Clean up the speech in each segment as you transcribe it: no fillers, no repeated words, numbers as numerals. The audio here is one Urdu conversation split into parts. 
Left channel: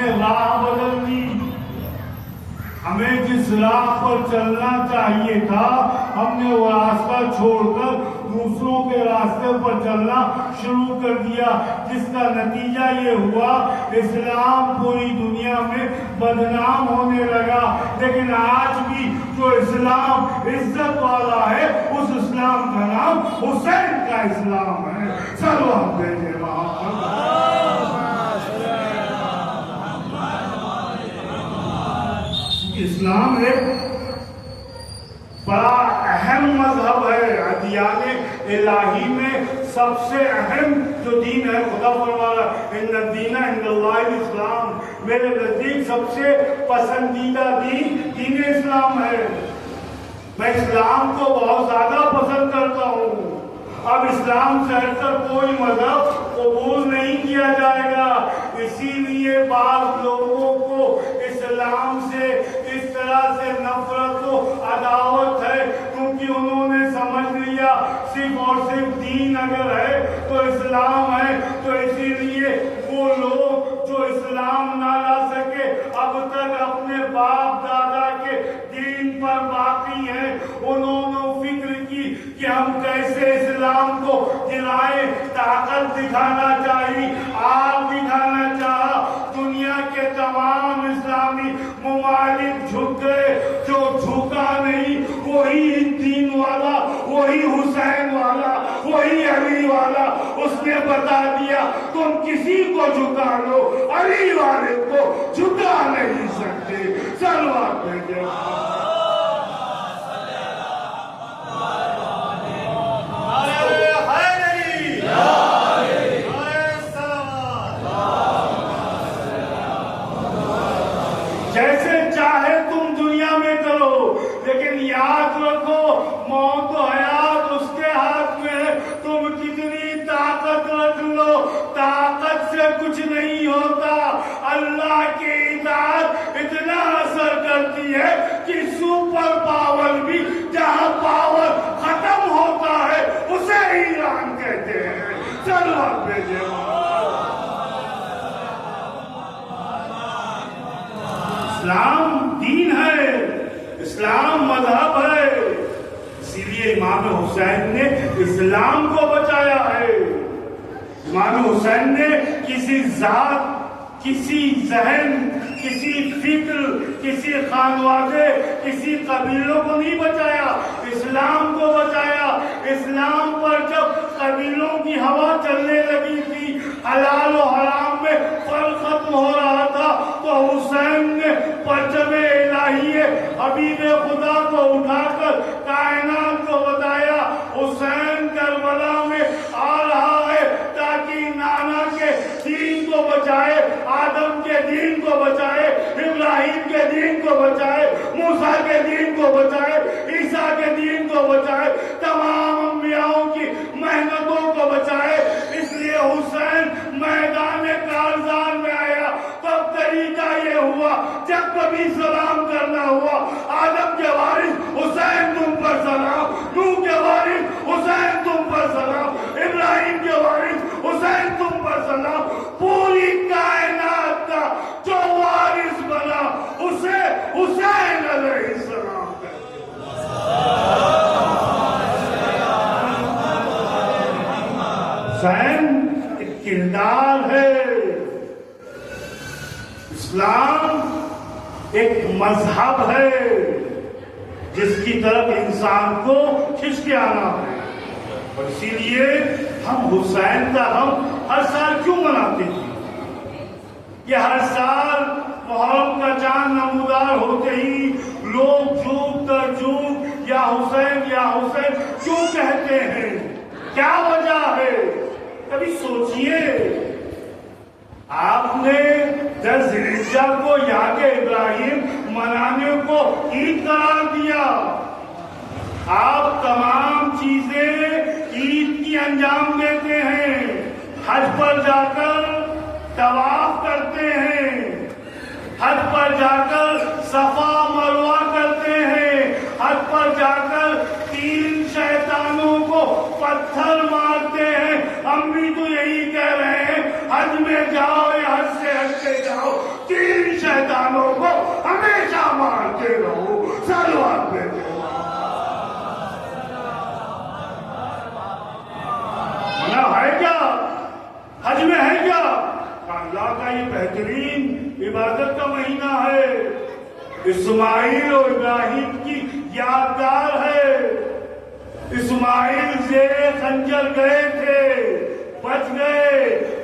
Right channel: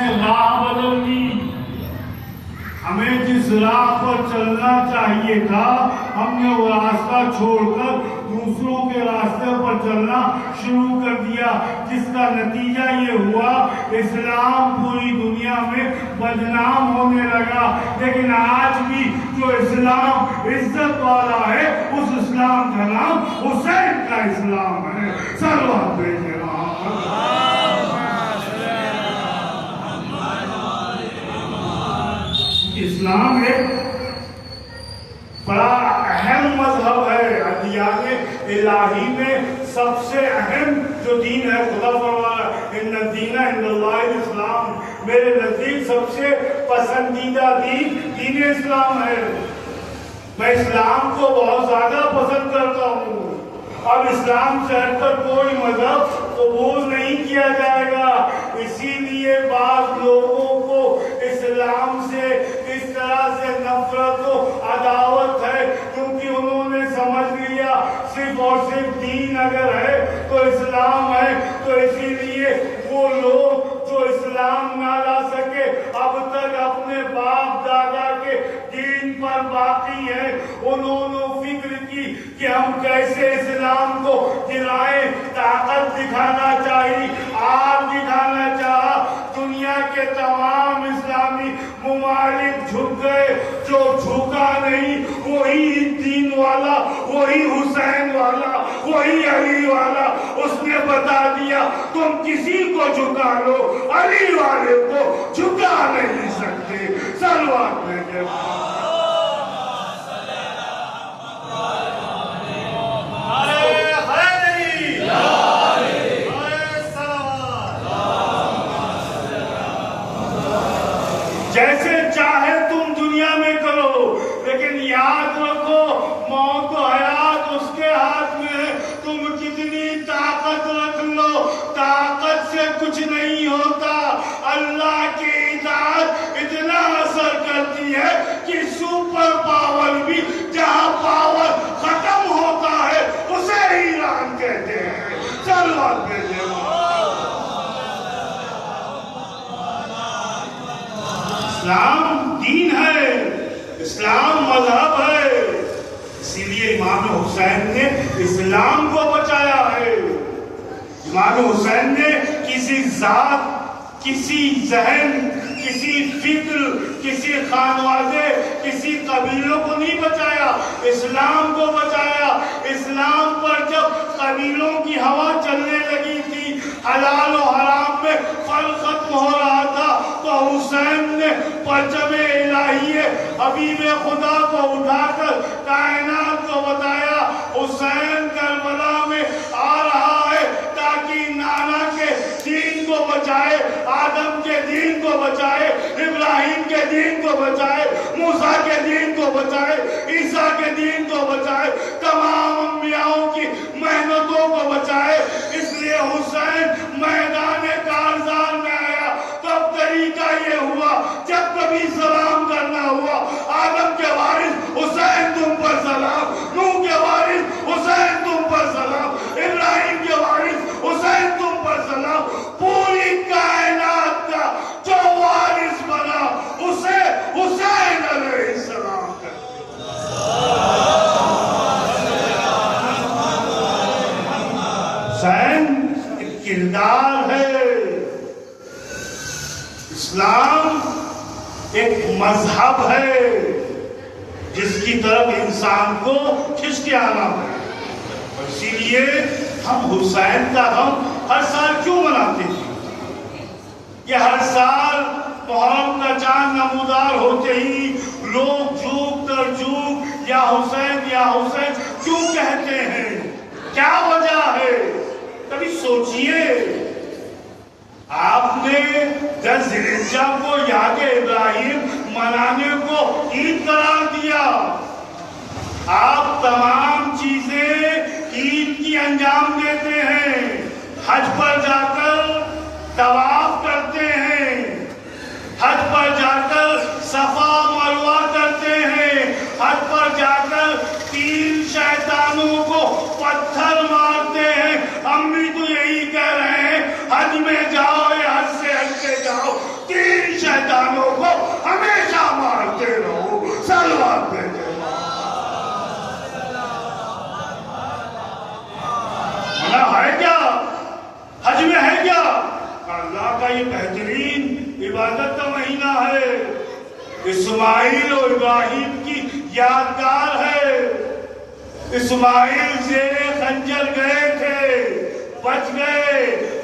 نے راہ بدل دی. ہمیں جس راہ پر چلنا چاہیے تھا ہم نے وہ راستہ چھوڑ کر دوسروں کے راستے پر چلنا شروع کر دیا، جس کا نتیجہ یہ ہوا اسلام پوری دنیا میں بدنام ہونے لگا. لیکن آج بھی جو اسلام عزت والا ہے اس اسلام کا نام حسین کا اسلام ہے. صلوات بھیجے اسلام ایک بڑا اہم مذہب ہے. ادیان الہی میں سب سے اہم جو دین ہے، خدا فرمایا ان الدین عند اللہ الاسلام، میرے نزدیک سب سے پسندیدہ دین اسلام ہے. میں اسلام کو بہت زیادہ پسند کرتا ہوں. اب اسلام سے ہٹ کر کوئی مذہب قبول نہیں کیا جائے گا. اسی لیے بعض لوگوں کو اسلام سے اس طرح سے نفرت و عداوت ہے کیونکہ انہوں نے سمجھ لیا صرف اور صرف دین اگر ہے تو اسلام ہے. تو اسی لیے وہ لوگ جو اسلام نہ لا سکے اب تک اپنے باپ دادا کے دین پر باقی ہیں، انہوں نے فکر کی کہ ہم کیسے اسلام کو دلائیں. طاقت دکھانا چاہیے، آپ دکھانا چاہا. دنیا کے تمام اسلامی ممالک جھک گئے، جو جھکا نہیں وہی دین والا، وہی حسین والا، وہی علی والا. اس نے بتا دیا تم کسی کو جھکا لو، علی والے کو جھکا نہیں سکتے. صلوات بھیجے. جیسے چاہے تم دنیا میں کرو، لیکن یاد رکھو موت و حیات اس کے ہاتھ میں. تم کتنی طاقت رکھ لو، طاقت سے کچھ نہیں ہوتا. اللہ کی اطاعت اتنا اثر کرتی ہے کہ سپر پاور بھی جہاں پاور ختم ہوتا ہے اسے ایران کہتے ہیں. چلو آپ بھیجے. اسلام دین ہے، اسلام مذہب ہے. اسی لیے امام حسین نے اسلام کو بچایا ہے. امام حسین نے کسی ذات، کسی ذہن، کسی فکر، کسی خانوادے، کسی قبیلوں کو نہیں بچایا، اسلام کو بچایا. اسلام پر جب قبیلوں کی ہوا چلنے لگی تھی، حلال و حرام میں فرق ختم ہو رہا تھا، تو حسین نے پرچم الہی حبیب خدا کو اٹھا کر کائنات کو بتایا حسین کربلا میں آ رہا ہے تاکہ نانا کے دین کو بچائے، آدم کے دین کو بچائے، ابراہیم کے دین کو بچائے، موسیٰ کے دین کو بچائے، عیسیٰ کے دین کو بچائے، تمام انبیاءوں کی محنتوں کو بچائے. اس لیے حسین میدان کارزار میں آیا. تب طریقہ یہ ہوا جب کبھی سلام کرنا ہوا، آدم کے وارث حسین تم پر سلام، نوح کے وارث حسین تم پر سلام، ابراہیم کے وارث حسین تم پر سلام. پوری کائنات کا جو وارث بنا اسے حسین علیہ السلام ہے. حسین ایک کردار ہے. اسلام ایک مذہب ہے جس کی طرف انسان کو کھنچ کے آنا ہے. اور اسی لیے ہم حسین کا غم ہر سال کیوں مناتے ہیں؟ یہ ہر سال محرم کا چاند نمودار ہوتے ہی لوگ جھوک کر جھوک یا حسین کیوں کہتے ہیں؟ کیا وجہ ہے؟ کبھی سوچئے. آپ نے 10 ذی الحجہ کو یاد ابراہیم منانے کو عید قرار دیا. آپ تمام چیزیں عید کی انجام دیتے ہیں. حج پر جا کر طواف کرتے ہیں، حج پر جا کر صفا مروہ کرتے ہیں، حج پر جا کر 3 شیطانوں کو پتھر مارتے ہیں. ہم بھی تو یہی کہہ رہے ہیں حج میں جاؤ، حج سے ہٹ کے جاؤ. بہترین عبادت کا مہینہ ہے، اسماعیل اور ابراہیم کی یادگار ہے۔ اسماعیل زیر خنجر گئے تھے، بچ گئے،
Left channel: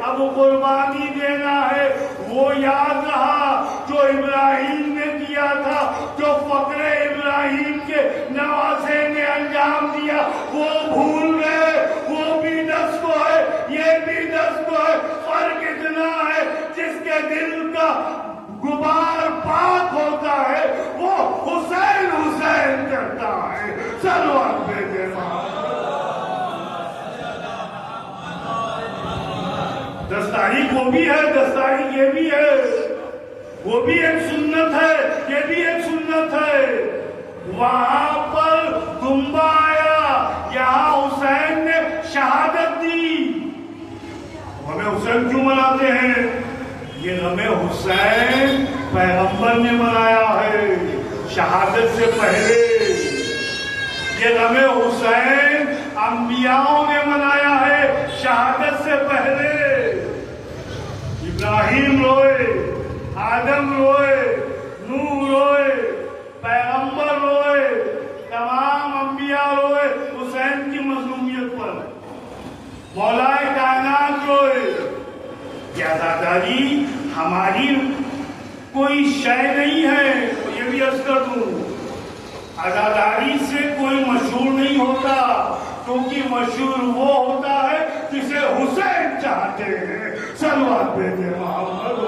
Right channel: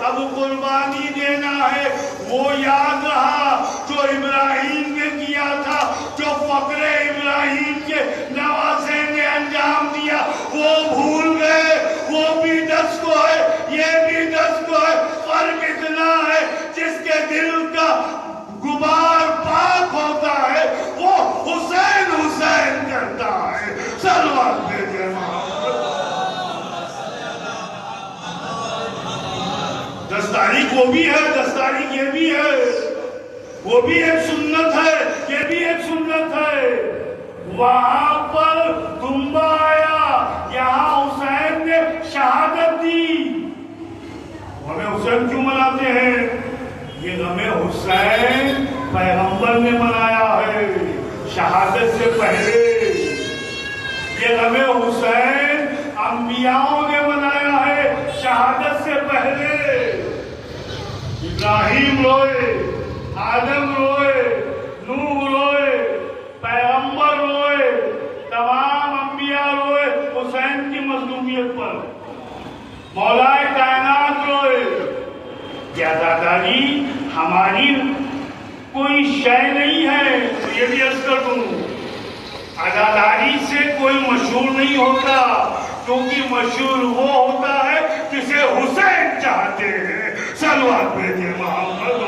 اب قربانی دینا ہے، وہ یاد رہا جو ابراہیم نے کیا تھا، جو فخر ابراہیم کے نواسے نے انجام دیا، وہ بھول گئے۔ وہ بھی 10 کو ہے، یہ بھی 10 کو ہے، فرق اتنا ہے جس کے دل کا غبار پاک ہوتا ہے وہ حسین حسین کرتا ہے۔ صلوات بھیجے دس تاریخ وہ بھی ہے، 10 تاریخ یہ بھی ہے، وہ بھی ایک سنت ہے، یہ بھی ایک سنت ہے۔ وہاں پر کنبہ آیا، یہاں حسین نے شہادت دی۔ ہمیں حسین کیوں مناتے ہیں؟ یہ ہمیں حسین پیغمبر نے منایا ہے شہادت سے پہلے، یہ ہمیں حسین انبیاءوں نے منایا ہے شہادت سے پہلے۔ ابراہیم روئے، آدم روئے، نوح روئے، پیغمبر روئے، تمام انبیاء روئے حسین کی مظلومیت پر، مولا کائنات روئے۔ عزاداری ہماری کوئی شے نہیں ہے، یہ بھی عرض کر دوں، عزاداری سے کوئی مشہور نہیں ہوتا، کیونکہ مشہور وہ ہوتا ہے جسے حسین چاہتے ہیں۔ صلوات بھیجے محمد۔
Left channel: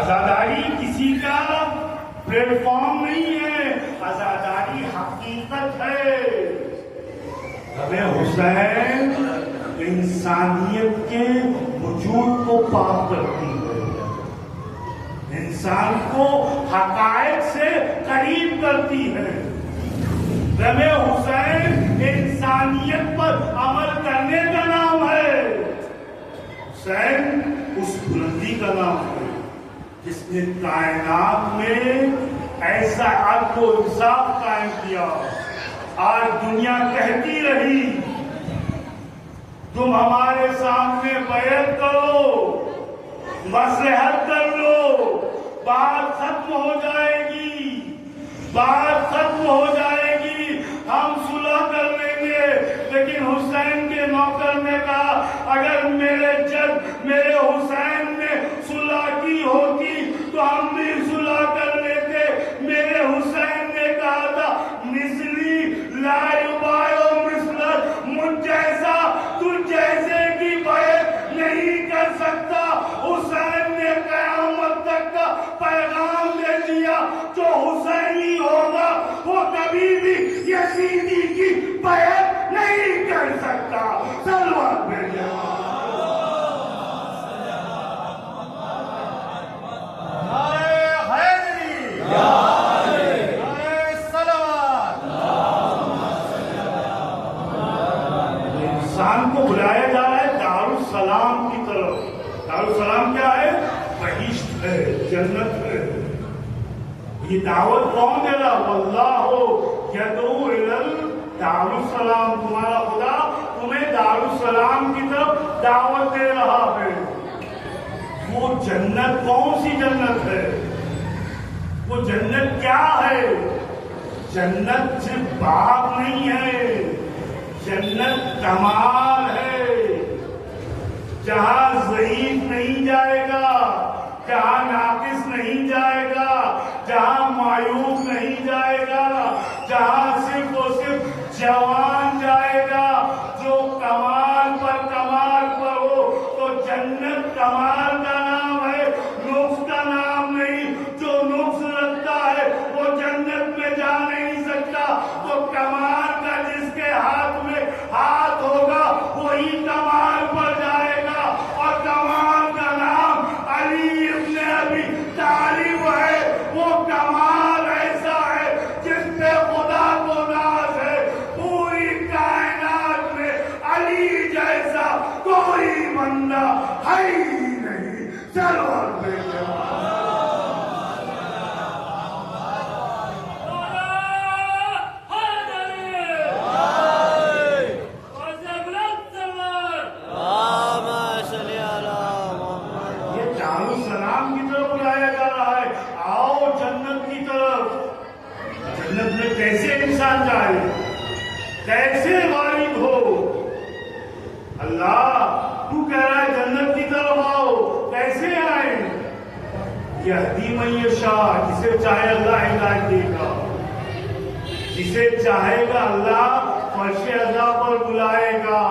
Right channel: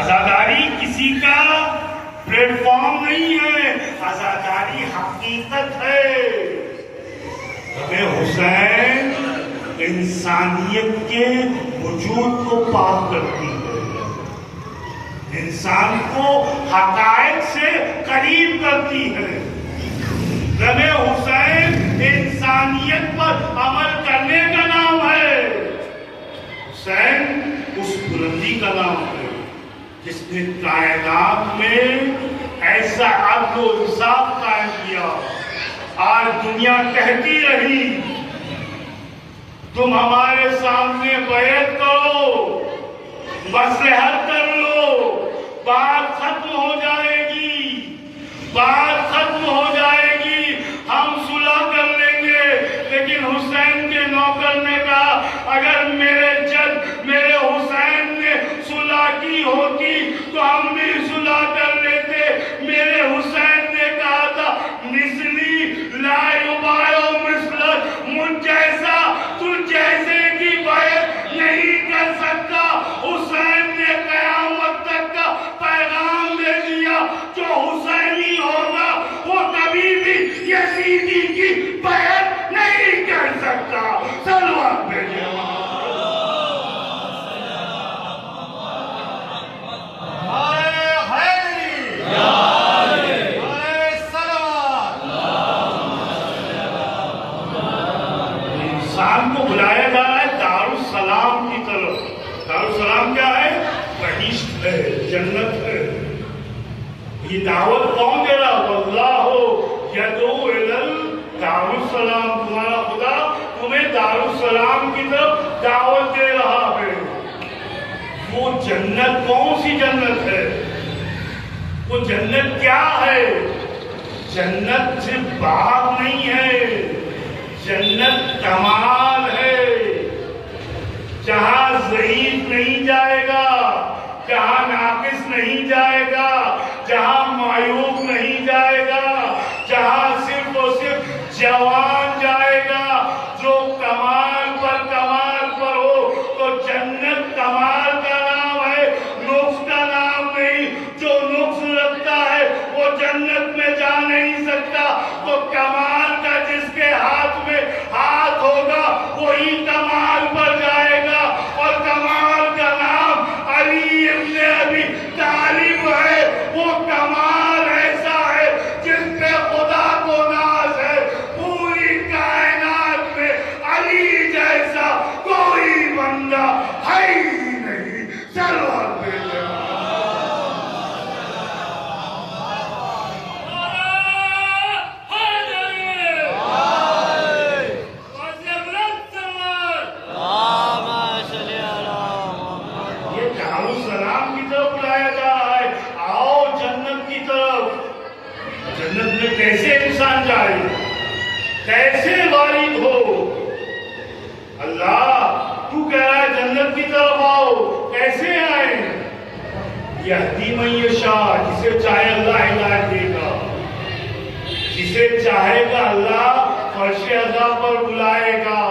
عزاداری کسی کا پلیٹ فارم نہیں ہے، عزاداری حقیقت ہے۔ ہمیں حسین انسانیت کے وجود کو پاک کرتی ہے، انسان کو حقائق سے قریب کرتی ہے۔ غم حسین انسانیت پر عمل کرنے کا نام ہے، حسین اس بلندی کا نام ہے جس نے کائنات میں ایسا عدل و انصاف قائم کیا۔ آج دنیا کہتی رہی تم ہمارے سامنے بیعت کرو، مصلحت کر لو، بات ختم ہو جائے گی، بات ختم ہو جائے گی، ہم صلح کر لیں گے۔ لیکن حسین کے نوکر نے کہا اگر میرے جد میرے حسین نے صلح کی ہوتی تو ہم بھی صلح کر لیتے۔ میرے حسین نے کہا تھا مثلی لا یبایع مثلک، مجھ جیسا تجھ جیسے کی بیعت نہیں کر سکتا۔ حسین نے قیامت تک کا پیغام دے دیا، جو حسینی ہوگا وہ کبھی بھی یزیدی کی بیعت نہیں کر سکتا۔ صلوات بھیجے انسان کو بلایا جا رہا ہے دارالسلام کی طرف۔ دارالسلام کیا ہے؟ بہشت ہے، جنت ہے۔ یہ دعوت کون دے رہا؟ واللہ یدعو الی دارالسلام، تمہارا خدا تمہیں دارالسلام کی طرف دعوت دے رہا ہے۔ وہ جنت کون سی جنت ہے؟ وہ جنت کیا ہے؟ جنت صرف باغ نہیں ہے، جنت کمال ہے، جہاں ضعیف نہیں جائے گا، جہاں ناقص نہیں جائے گا، جہاں معیوب نہیں جائے گا، جہاں صرف اور صرف جوان جائے گا جو کمال پر ہو۔ تو جنت کمال کا نام ہے، نقص کا نام نہیں۔ جو نقص رکھتا ہے وہ جنت میں جا نہیں سکتا۔ تو کمال کا جس کے ہاتھ میں ہاتھ ہوگا وہی کمال پر جائے گا، اور کمال کا نام علی ابن ابی طالب ہے۔ وہ کمال ایسا ہے جس پہ خدا کو ناز ہے۔ پوری کائنات میں علی جیسا کوئی بندہ ہے ہی نہیں۔ صلوات بھیجے ہے جنت کی طرف آؤ. کیسے آئے؟ یہدی من یشاء، جسے چاہے اللہ ہدایت دے گا، جسے چاہے گا اللہ فرش عذاب پر بلائے گا.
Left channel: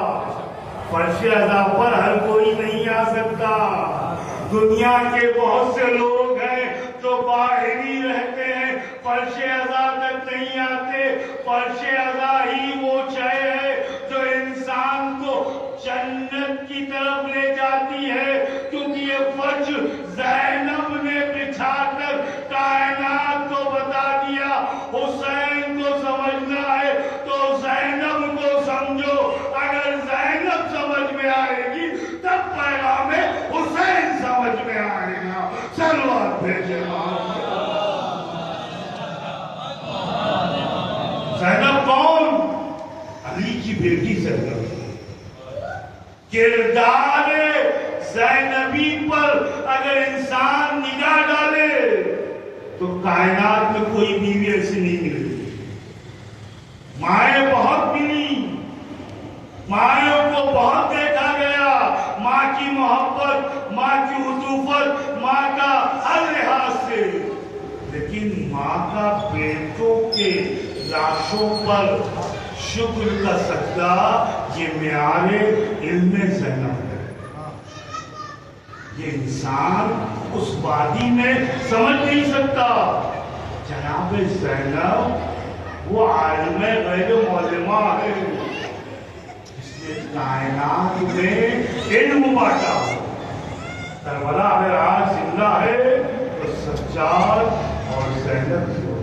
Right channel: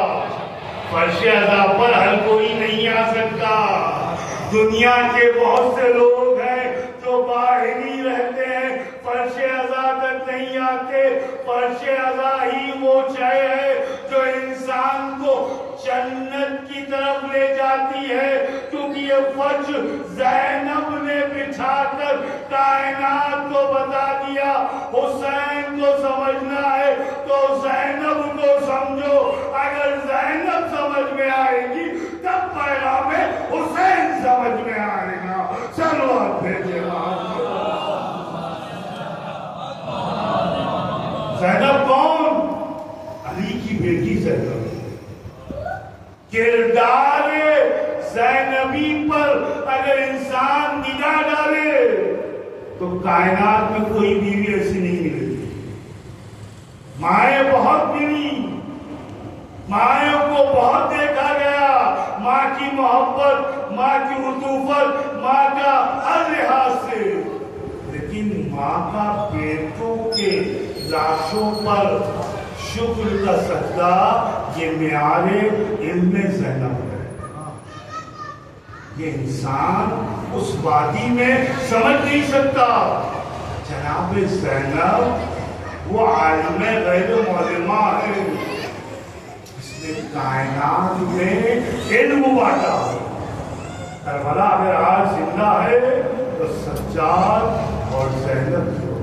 فرش عذاب پر ہر کوئی نہیں آ سکتا. دنیا کے بہت سے لوگ ہیں جو باہر ہی رہتے ہیں، فرش عذاب تک نہیں آتے. فرش عذاب ہی وہ شے ہے جو انسان کو جنت کی طرف لے جاتی ہے. کیونکہ یہ فرش زینب نے بچھا کر کائنات کو بتا دیا. حسین کو سمجھنا ہے تو زینب کو سمجھو. اگر زینب سمجھ میں آئے گی تب پیغام حسین سمجھ میں آئے گا. صلوات بھیجے. زینب کون؟ علی کی بیٹی زینب. کردار زینبی پر اگر انسان نگاہ ڈالے تو کائنات میں کوئی بیوی ایسی نہیں ملتی. مائیں بہت ملی، مائوں کو بہت دیکھا گیا. ماں کی محبت، ماں کی عطوفت، ماں کا ہر لحاظ سے. لیکن ماں کا بیٹوں کے لاشوں پر شکر کا صدقہ یہ معیار علم زینب ہے. یہ انسان اس وادی میں سمجھ نہیں سکتا. جناب زینب وہ عالم غیب معلومہ ہے، اس نے کائنات میں علم بانٹا. کربلا اگر آج زندہ ہے تو سجاد اور زینب سے،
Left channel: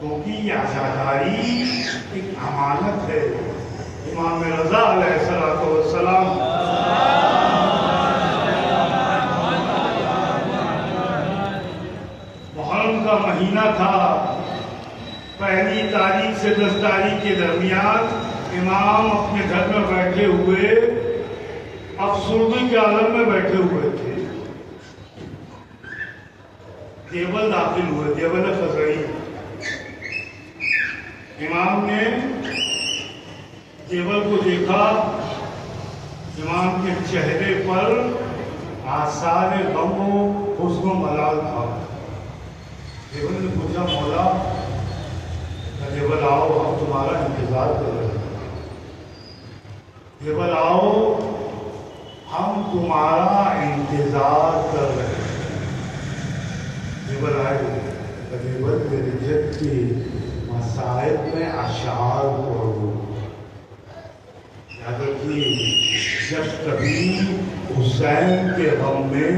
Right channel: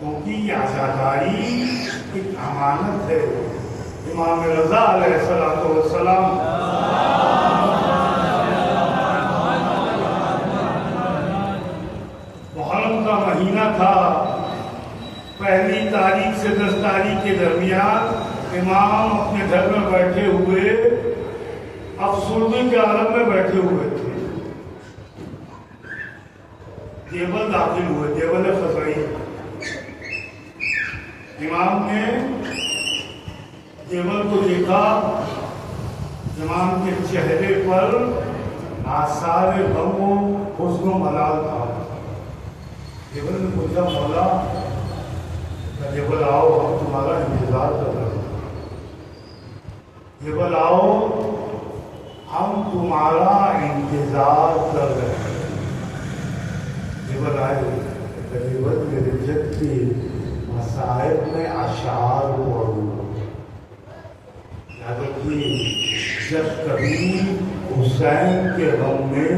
کیونکہ یہ عزاداری ایک امانت ہے. امام رضا علیہ السلام محرم کا مہینہ تھا. پہلی تاریخ سے 10 تاریخ کے درمیان امام اپنے گھر میں بیٹھے ہوئے افسردگی کے عالم میں بیٹھے ہوئے تھے. دیوبند داخل ہوئے، دیوبند خزرعی. امام نے دیوبند کو دیکھا. امام کے چہرے پر آثار غم و حزن و ملال تھا. دیوبند نے پوچھا مولا دیوبند آؤ، ہم تمہارا انتظار کر رہے ہیں. دیوبند آؤ، ہم تمہارا انتظار کر رہے ہیں. دیوبند آئے. دیوبند کے رجت کی مسائب میں اشعار پڑھو. یاد رکھیے، جب کبھی حسین کے غم میں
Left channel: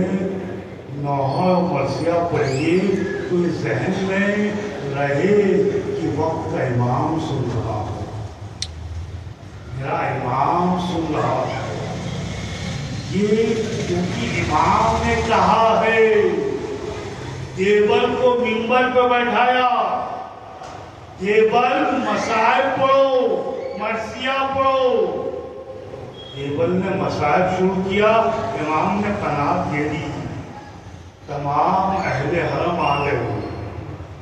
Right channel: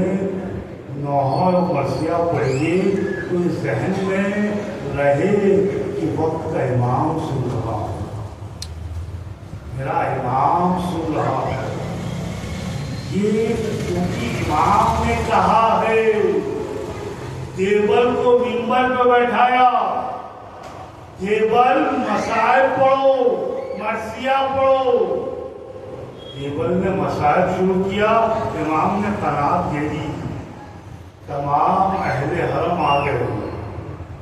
نوحہ و مرثیہ پڑھیے تو ذہن میں رہے کہ وقت کا امام سن رہا ہے، میرا امام سن رہا ہے. یہ کیونکہ امام نے کہا ہے. دیوبند کو منبر پہ بیٹھایا. دیوبند مسائب پڑھو، مرثیہ پڑھو. دیوبند نے مسائب شروع کیا. امام نے قناعت دے دی. تمام اہل حرم آ گئے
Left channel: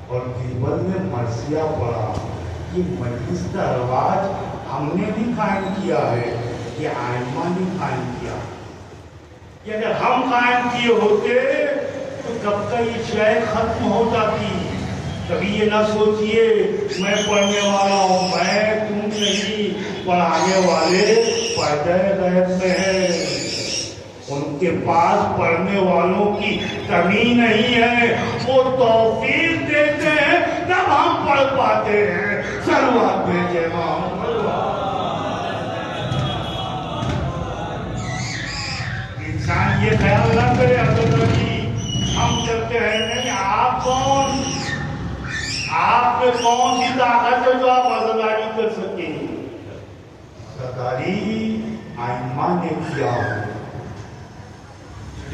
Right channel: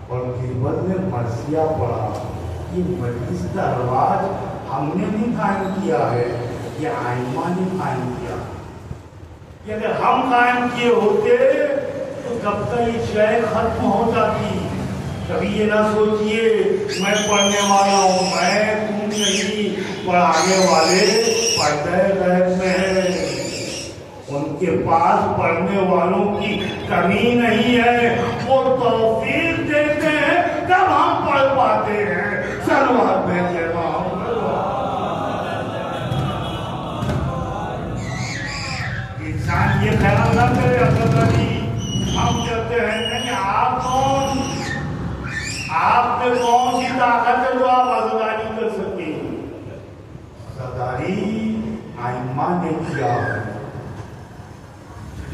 اور دیوبند نے مرثیہ پڑھا. یہ مجلس کا رواج ہم نے نہیں قائم کیا ہے، یہ ائمہ نے قائم کیا. کہ اگر ہم قائم کیے ہوتے تو کب کا یہ شے ختم ہو جاتی. کبھی یہ نہ سوچئے میں پڑھنے والا ہوں، میں تم نہیں. پڑھانے والے پردہ غیب میں ہیں. ان کے پاس پڑھنے والوں کی کمی نہیں ہے. وہ توفیق دیتے ہیں تب ہم پڑھ پاتے ہیں. صلوات بھیجے. انسان یہ خیال نہ کرے عبد الرحیم ہم کہتے ہیں نہیں. آپ کون؟ آپ میں کون سی طاقت ہے جو آپ عزاداری کر سکیں؟ عزاداری ائمہ نے کیا ہے.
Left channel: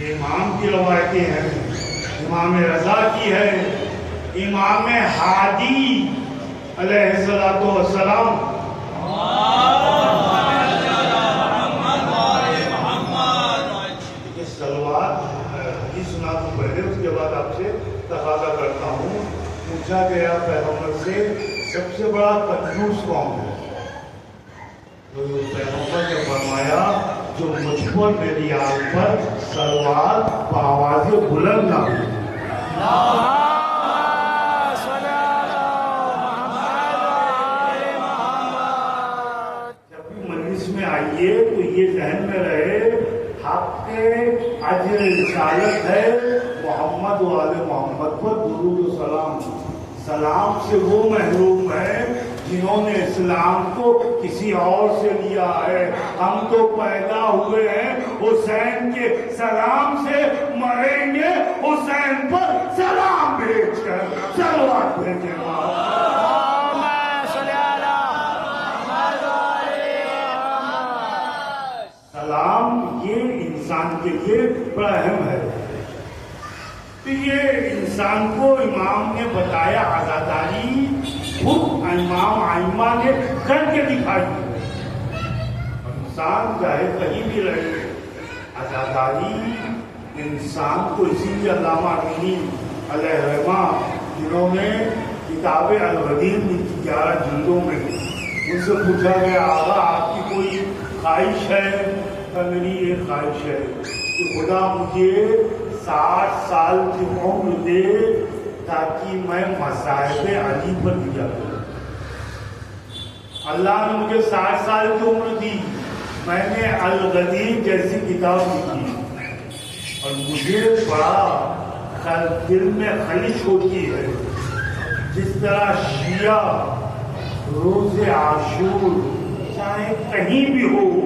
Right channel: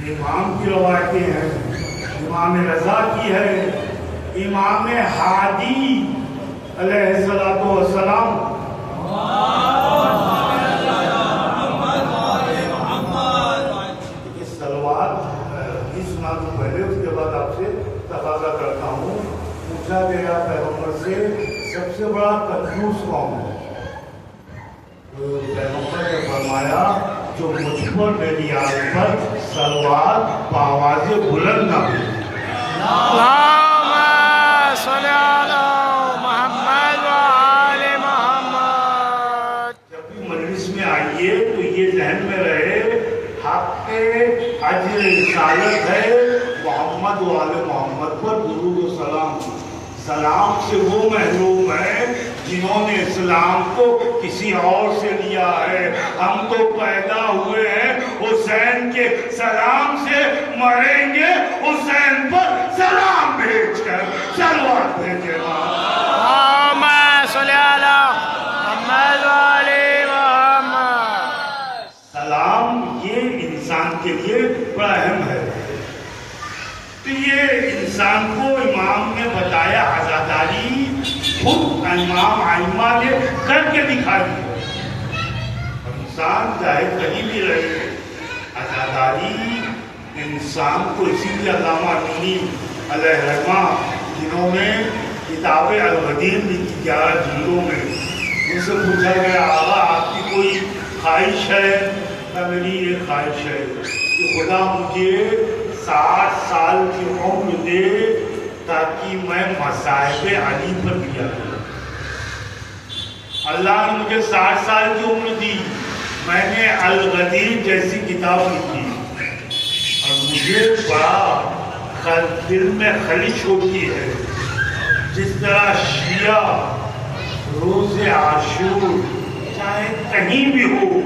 امام کی روایتیں ہیں. امام رضا کی ہے، امام ہادی علیہ السلام سنا دوں پہلے، اس کے بعد آپ سے تقاضا کرتا ہوں. پوچھا گیا پیغمبر سے سب سے بڑا کنجوس کون ہے؟ پیغمبر نے فرمایا جو تو مجھ پر میری آل پر صلوات بآواز بلند نہ ہو۔ اللہم صلی علی محمد و آل محمد۔ جب بھی مجلس میں آئیے تو یہ ذہن میں رہے حق کے اجر رسالت ہے محمد و آل محمد پر درود و سلام۔ سلام سے وہ محروم ہے جنہوں نے اسلام کو کسی اور سے لیا ہے۔ ہم تو پیدا ہوئے ہیں حسین کے سلام سے، مریں گے حسین پر سلام بھیج کر۔ صلوات بھیجے اللہم صلی علی محمد و آل محمد۔ سلام یہ انسان کے لیے بڑا اہم ہے۔ تو یہ انسان کو امام نے بتایا عزاداری خود امام ائمہ نے کر کے دکھائی ہے۔ اور انسان چاہے کہیں بھی رہے عزاداری انسان کو، اسی لیے علامہ امینی علیہ رحمہ جنہوں نے کتاب الغدیر لکھی 11 جلدوں میں، ان سے پوچھا گیا آقا آپ کی کوئی خواہش ہے؟ کہ میری یہ خواہش ہے کہ خدا مجھے 60 سال کی عمر دے تاکہ میں مصائب علی پر لیا کروں۔ اللہ نے مجھے 60 سال کی عمر دی، میں نے الغدیر جیسی کتاب لکھی اور مجھے بڑا دل میں خلش ہوتی ہے جس طرح شیعہ روز عاشور چاہے کہیں بھی ہو،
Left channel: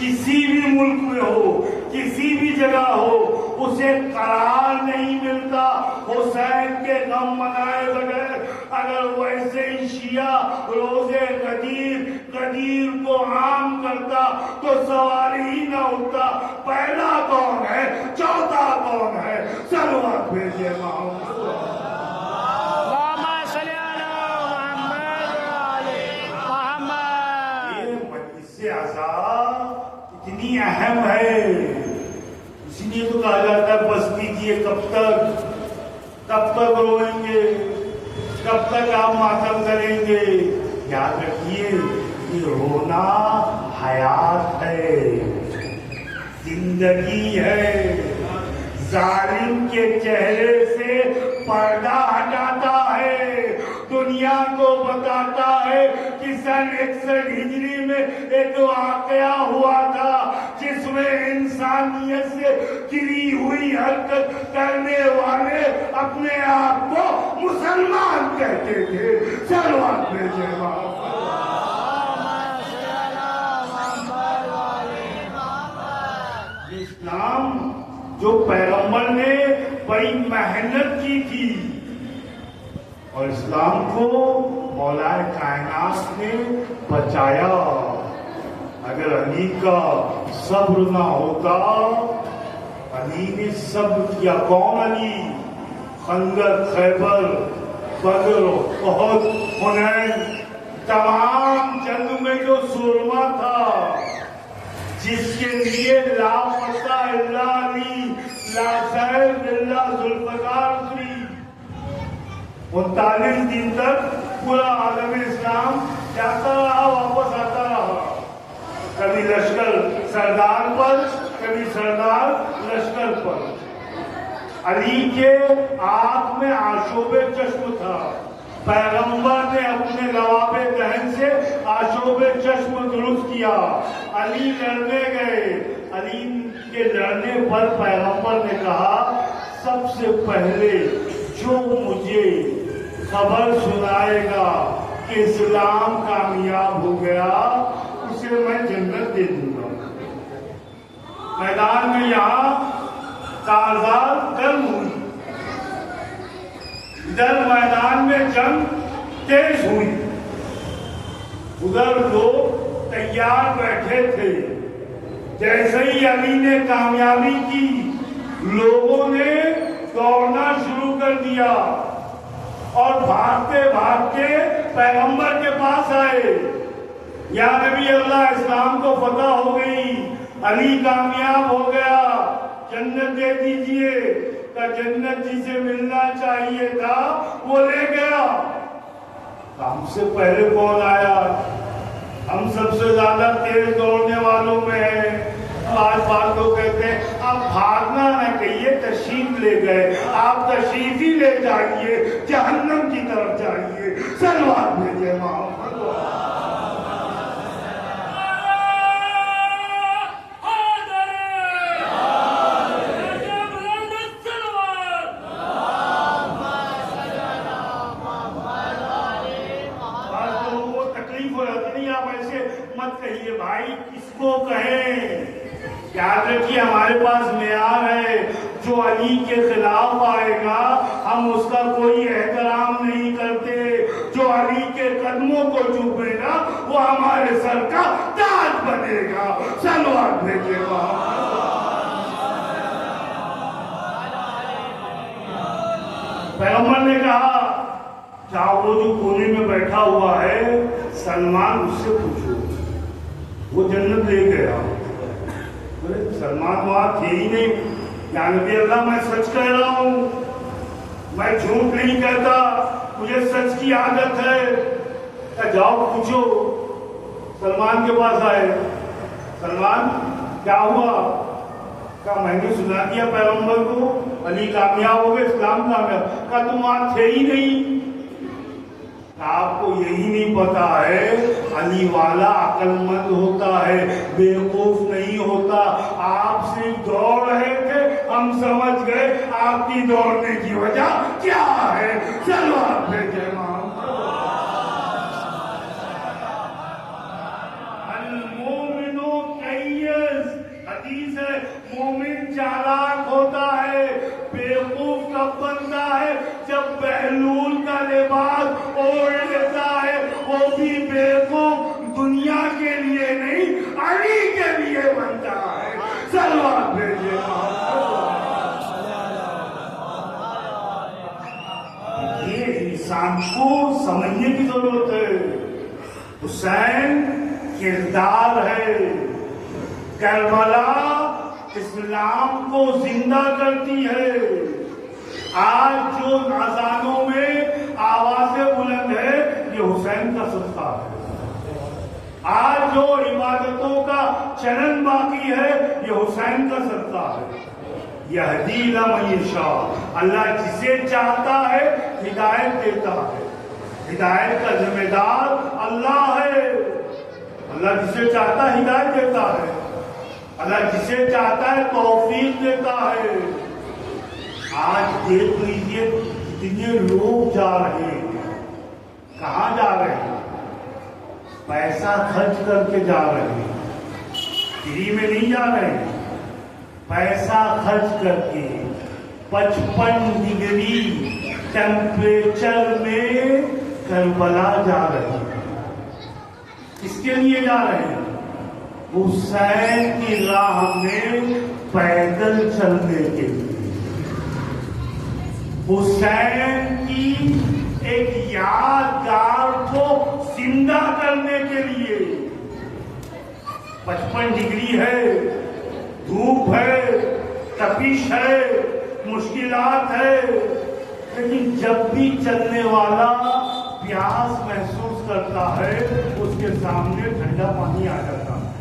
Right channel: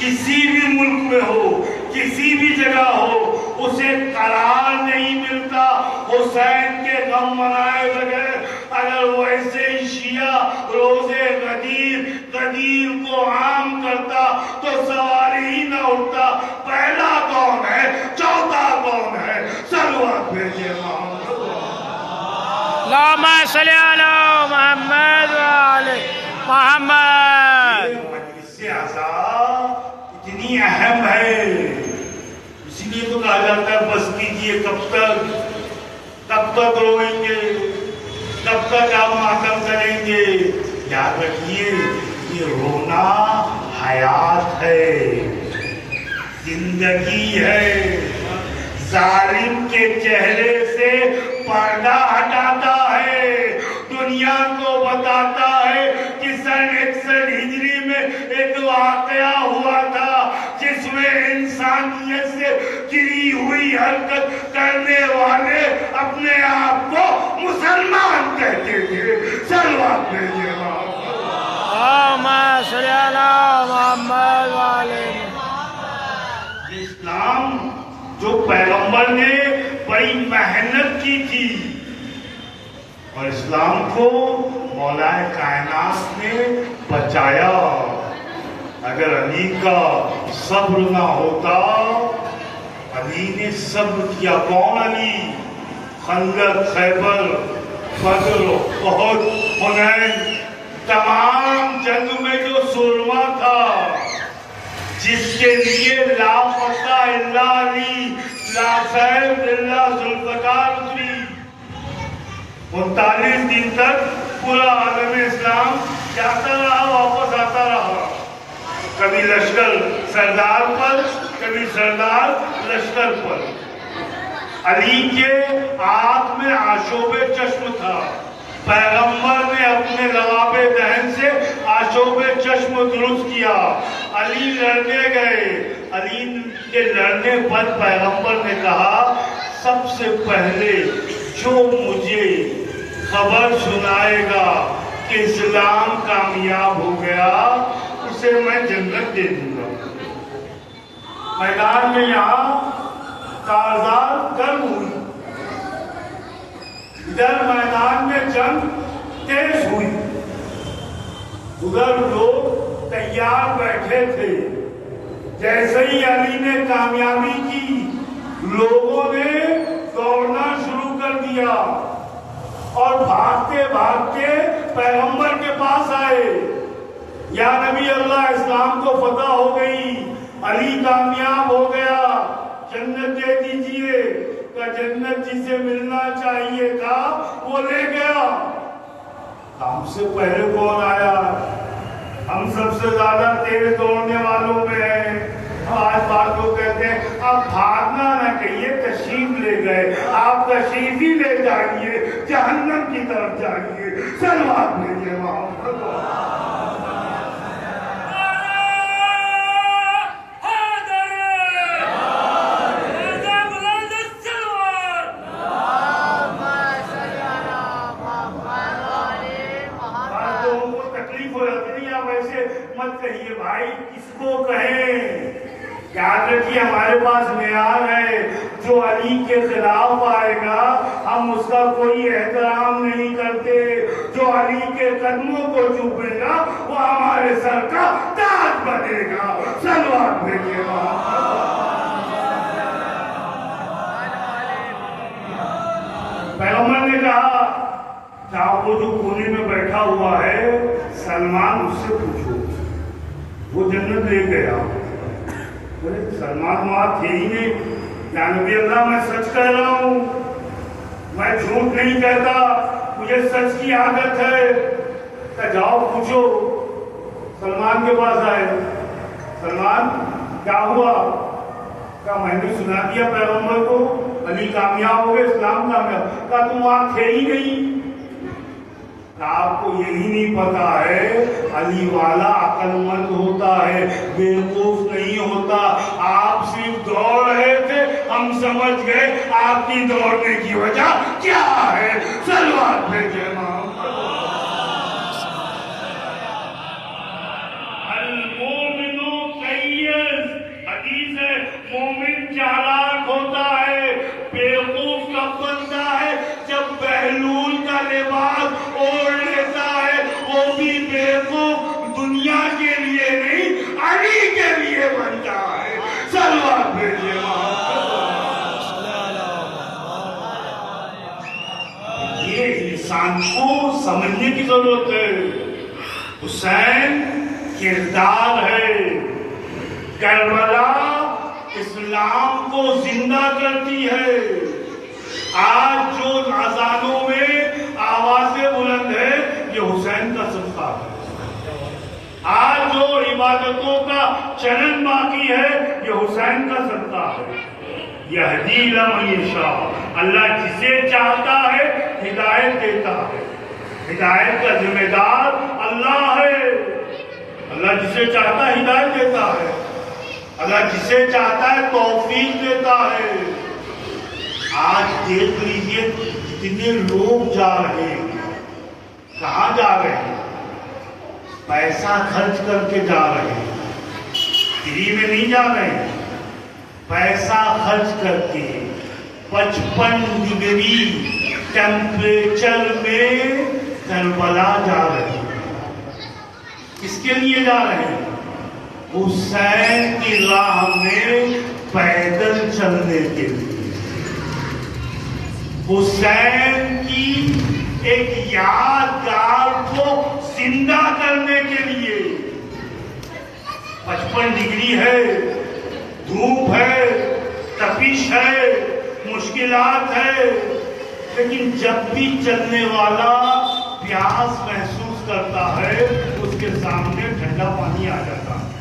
کسی بھی ملک میں ہو، کسی بھی جگہ ہو، اسے قرار نہیں ملتا حسین کے غم منائے بغیر۔ اگر ویسے ہی شیعہ روز غدیر کو عام کرتا تو سوال ہی نہ اٹھتا پہلا کون ہے، چوتھا کون ہے۔ صلوات بھیجے محمد۔ اللہم صلی علی محمد و آل محمد۔ یہ مجلس عزا اتنی اہم ہے، اسی لیے تو کہا جاتا ہے بس کیجئے کب تک روئیں گے، کب تک آپ ماتم کریں گے۔ یاد رکھیے یہ رونا حیات ہے، زندگی ہے۔ ظالم کے چہرے سے پردہ ہٹاتا ہے، دنیا کو بتاتا ہے کہ سن 61 ہجری میں ایک واقعہ ہوا تھا جس میں انسانیت سے گری ہوئی حرکت کرنے والے اپنے آپ کو مسلمان کہتے تھے۔ صلوات بھیجے اللہم صلی علی محمد و آل محمد۔ یہ اسلام جو پیغمبر نے بڑی محنت کی تھی اور اسلام کو مولا کائنات نے بچایا۔ اگر علی کا صبر نہ ہوتا، علی نے صبر کیا۔ کون علی؟ خندق، خیبر، بدر، احد، حنین، تمام جنگ میں جو سرما تھا جس کے لیے لا فتح الا علی، لا سیف الا ذوالفقار اتری، 39 دن تک پورا عالم اسلام جاتا رہا، واپس آتا رہا، کبھی لشکر سردار پر، کبھی سردار لشکر پر۔ علی کے آنکھ میں آشوب چشم تھا، پیغمبر نے اپنے لواب دہن سے آشوب چشم درست کیا۔ علی لڑنے گئے، علی کے لڑنے پر پیغمبر نے کہا سب سے پہلے جو مجھے خبر سنائے گا کہ اسلام کامیاب ہو گیا اسے میں جنت دے دوں گا۔ میدان میں یہاں کارزار گرم ہوئی، ادھر میدان میں جنگ تیز ہوئی، ادھر لوگ تیار بیٹھے تھے۔ جیسے ہی علی نے کامیابی کی، لوگوں نے دوڑنا شروع کر دیا اور بھاگتے بھاگتے پیغمبر کے پاس آئے۔ یا نبی اللہ، اسلام کو فتح ہو گئی، علی کامیاب ہو گیا، جنت دے دیجئے۔ کہ جنت جسے ملنا چاہیے تھا وہ لے گیا۔ ہم سے پہلے کون آیا؟ ہم سب سے زیادہ تیز دوڑنے والوں میں ہیں، بار بار تو کہتے ہیں آپ بھاگنا نہ کہیے، تشریف لے گئے، آپ تشریف ہی لے جائیے، جہنم کی طرف جائیے۔ صلوات بھیجیے وہاں۔ مت کہیے بھائی، کس کو کہیں؟ یاد رکھیے ہمارے پاس معیار ہے، جو علی کے خلاف آئے گا ہم اس کا کوئی احترام نہیں کرتے، جو علی کے قدموں کو چومے گا وہ ہمارے سر کا تاج بنے گا۔ صلوات بھیجیے وہاں۔ پیغمبر نے کہا چاہو وہ جو کونے میں بیٹھا ہوا ہے سلمان، اس سے پوچھو، وہ جنت لے گیا۔ سلمان وہاں تھے ہی نہیں۔ یا نبی اللہ، میں سچ کہہ رہا ہوں، میں جھوٹ نہیں کہتا، مجھے سچ کی عادت ہے۔ کہ جاؤ پوچھو۔ سلمان کے پاس آئے، سلمان کیا ہوا؟ کہا میں نے سنا دیا پیغمبر کو علی کامیاب ہو گئے، اسلام کامیاب۔ کہا تم وہاں تھے ہی نہیں۔ آپ کو یہی نہیں پتا ہے علی والا عقل مند ہوتا ہے، بیوقوف نہیں ہوتا۔ آپ صرف دوڑ رہے تھے، ہم سمجھ گئے آپ کی دوڑنے کی وجہ کیا ہے۔ صلوات بھیجیے امام۔ المومن قیس، حدیث ہے، مومن چالاک ہوتا ہے، بیوقوف کب بنتا ہے؟ جب بہلول کا لباس اوڑھ لیتا ہے، وہ بھی بیوقوف دنیا کے لیے نہیں علی کے لیے بنتا ہے۔ صلوات بھیجیے۔ یہ انسان کو سمجھنے کی ضرورت ہے۔ حسین کردار ہے، کربلا اسلام کو زندہ کرتی ہے۔ آج جو اذانوں میں آوازیں بلند ہے یہ حسین کا صدقہ ہے۔ آج جو عبادتوں کا چرن باقی ہے یہ حسین کا صدقہ ہے۔ یہدی من یشاء، اللہ جسے چاہتا ہے ہدایت دیتا ہے۔ ہدایت کا ذمہ دار اللہ ہے۔ اللہ جسے چاہتا ہے ہدایت دیتا ہے، اللہ جسے چاہتا ہے توفیق دیتا ہے۔ آج دیکھ لیجئے کتنے لوگ جا رہے ہیں، کہاں جا رہے ہیں؟ پیسہ خرچ کر کے جا رہے ہیں، فری میں نہیں جا رہے ہیں، پیسہ خرچ کر کے 55 ڈگری ٹیمپریچر میں کربلا جا رہے ہیں۔ کس کے لیے جا رہے ہیں؟ حسین کی راہ میں پیدل چلنے کے لیے، حسین کی ایک یادگار کو زندہ کرنے کے لیے۔ 55 ڈگری ہے، دھوپ ہے، تپش ہے، مشکلات ہے، لیکن جب بھی چلنے والا پیاس محسوس کرتا ہے اس کے سامنے ٹھنڈا پانی آ جاتا ہے۔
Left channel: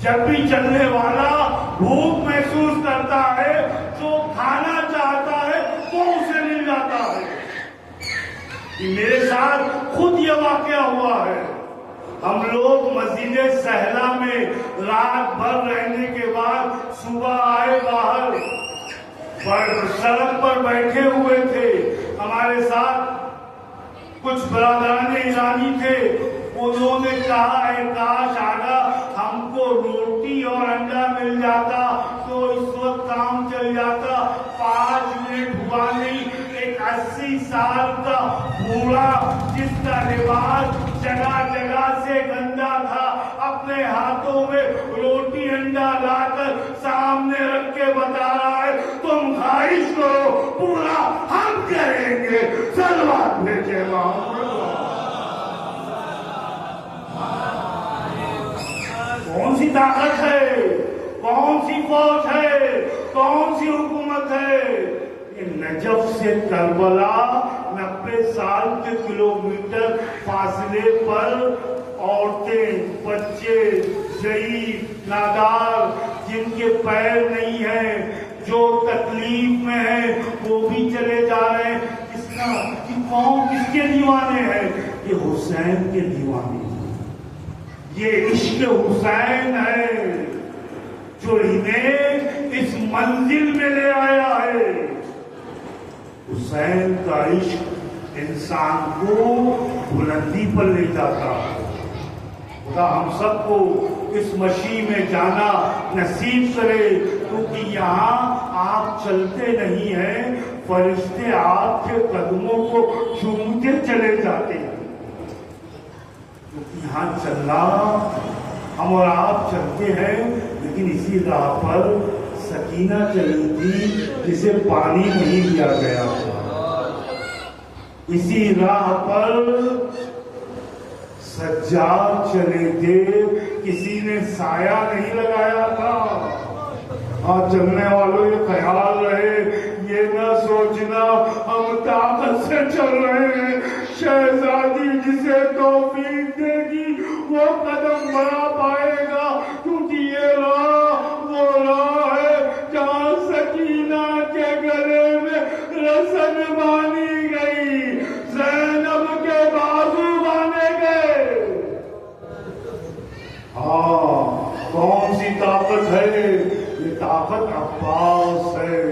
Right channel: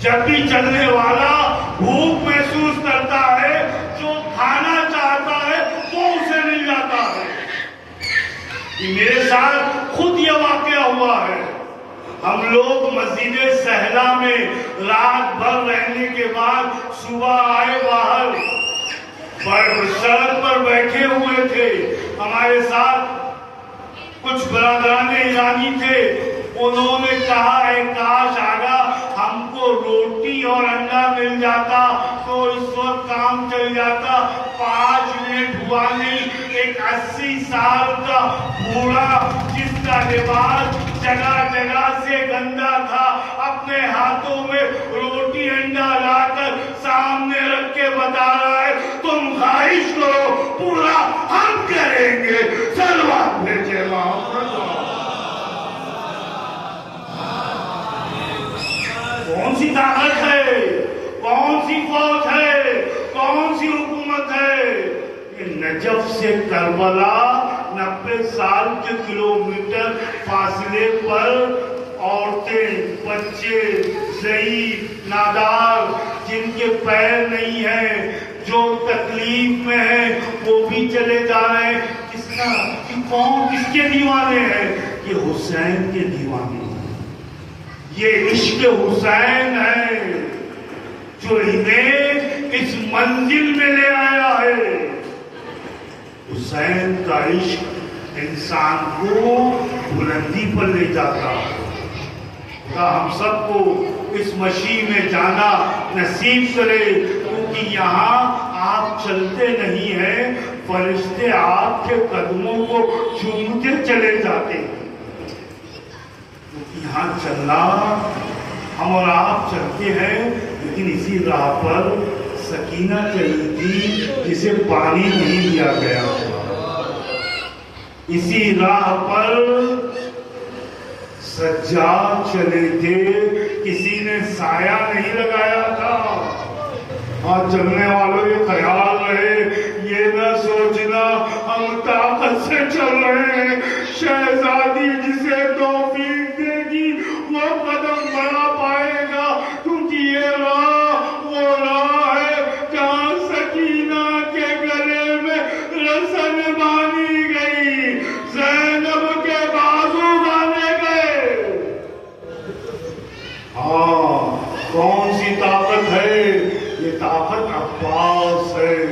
جب بھی چلنے والا بھوک محسوس کرتا ہے، جو کھانا چاہتا ہے وہ اسے مل جاتا ہے۔ میرے ساتھ خود یہ واقعہ ہوا ہے۔ ہم لوگ مسجد سہلا میں رات بھر رہنے کے بعد صبح آئے باہر، سڑک پر بیٹھے ہوئے تھے، ہمارے ساتھ کچھ برادران ایرانی تھے۔ انہوں نے کہا اے کاش آگا ہم کو روٹی اور انڈا مل جاتا تو اس وقت کام چل جاتا۔ 5 منٹ ہوا نہیں، ایک 80 سال کا بوڑھا جس کا لباس جگہ جگہ سے گندا تھا، اپنے ہاتھوں میں روٹی انڈا لا کر سامنے رکھ کے بتا رہا ہے تم خواہش کرو پورا ہم کریں گے۔ صلوات بھیجے کون سی طاقت ہے، کون سی فوج ہے، کون سی حکومت ہے؟ نجف سے کربلا 90 سال کے کلومیٹر فاصلے پر عورتیں، بچے، ضعیف نادار جن کے پیر نہیں ہیں، جو تکلیف میں ہیں وہ بھی چلے جا رہے ہیں. کس کا قوم کس کے دیوانے ہیں؟ یہ حسین کے دیوانے ہیں. یہ عشق حسین ہے جو انہیں اس منزل میں لے آیا ہے. حسین کا عشق انسان کو بلندی پر لے جاتا ہے. خدا ہم سب کو اس مشی میں جانا نصیب کرے، کیونکہ یہاں آپ چلتے نہیں ہیں، فرشتے آپ کے قدموں کو چومتے چلے جاتے ہیں. کیونکہ یہاں چلنا ہم اور آپ چلتے ہیں، لیکن اسی راہ پر سکینہ چلی تھی جسے پانی نہیں دیا گیا. اسی راہ پر سجاد چلے تھے، کسی نے سایہ نہیں لگایا تھا. آج چلنے والوں یہ خیال رہے، یہ نہ سوچنا ہم طاقت سے چل رہے ہیں. شہزادی جسے توفیق دے گی وہ قدم بڑھا پائے گا، کیونکہ یہ راہ وہ راہ ہے جہاں سکینہ کے گلے میں رسن باندھی گئی، زینب کے بازو باندھے گئے. ہاں، کون سی طاقت ہے؟ یہ طاقت عباس ہے.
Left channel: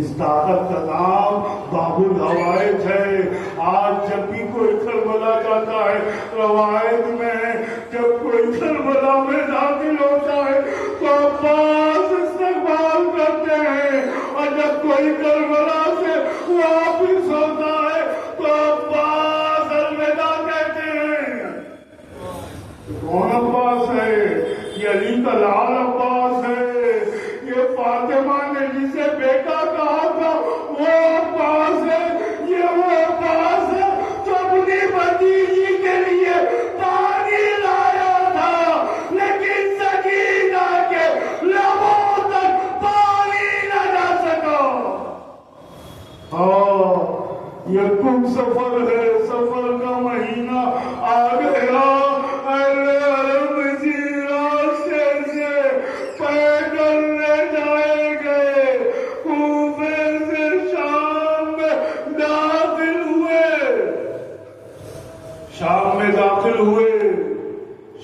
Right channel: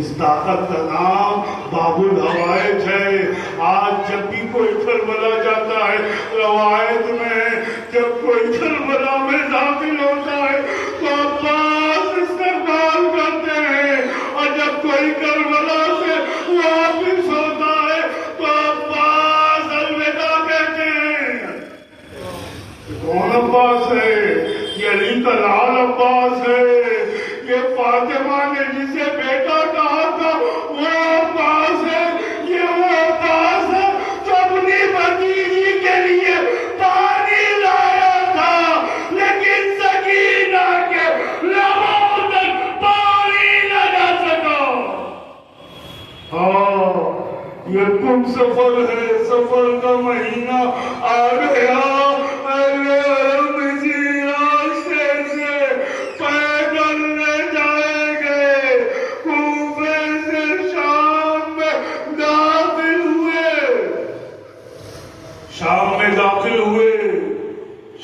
اس طاقت کا نام باب الحوائج ہے. آج جب بھی کوئی کربلا جاتا ہے، روایت میں جب کوئی کربلا میں داخل ہوتا ہے تو عباس استقبال کرتے ہیں، اور جب کوئی کربلا سے واپس ہوتا ہے تو عباس الوداع کہتے ہیں. کون عباس ہے؟ یہ علی کا لال عباس ہے. یہ فاطمہ نے جسے بیٹا کہا تھا وہ عباس ہے. یہ وہ عباس ہے جو اپنی بھتیجی کے لیے پانی لایا تھا، لیکن سکینہ کے لبوں تک پانی نہ جا سکا. ہاں، یہ کم سفر ہے، سفر کا مہینہ آ گیا.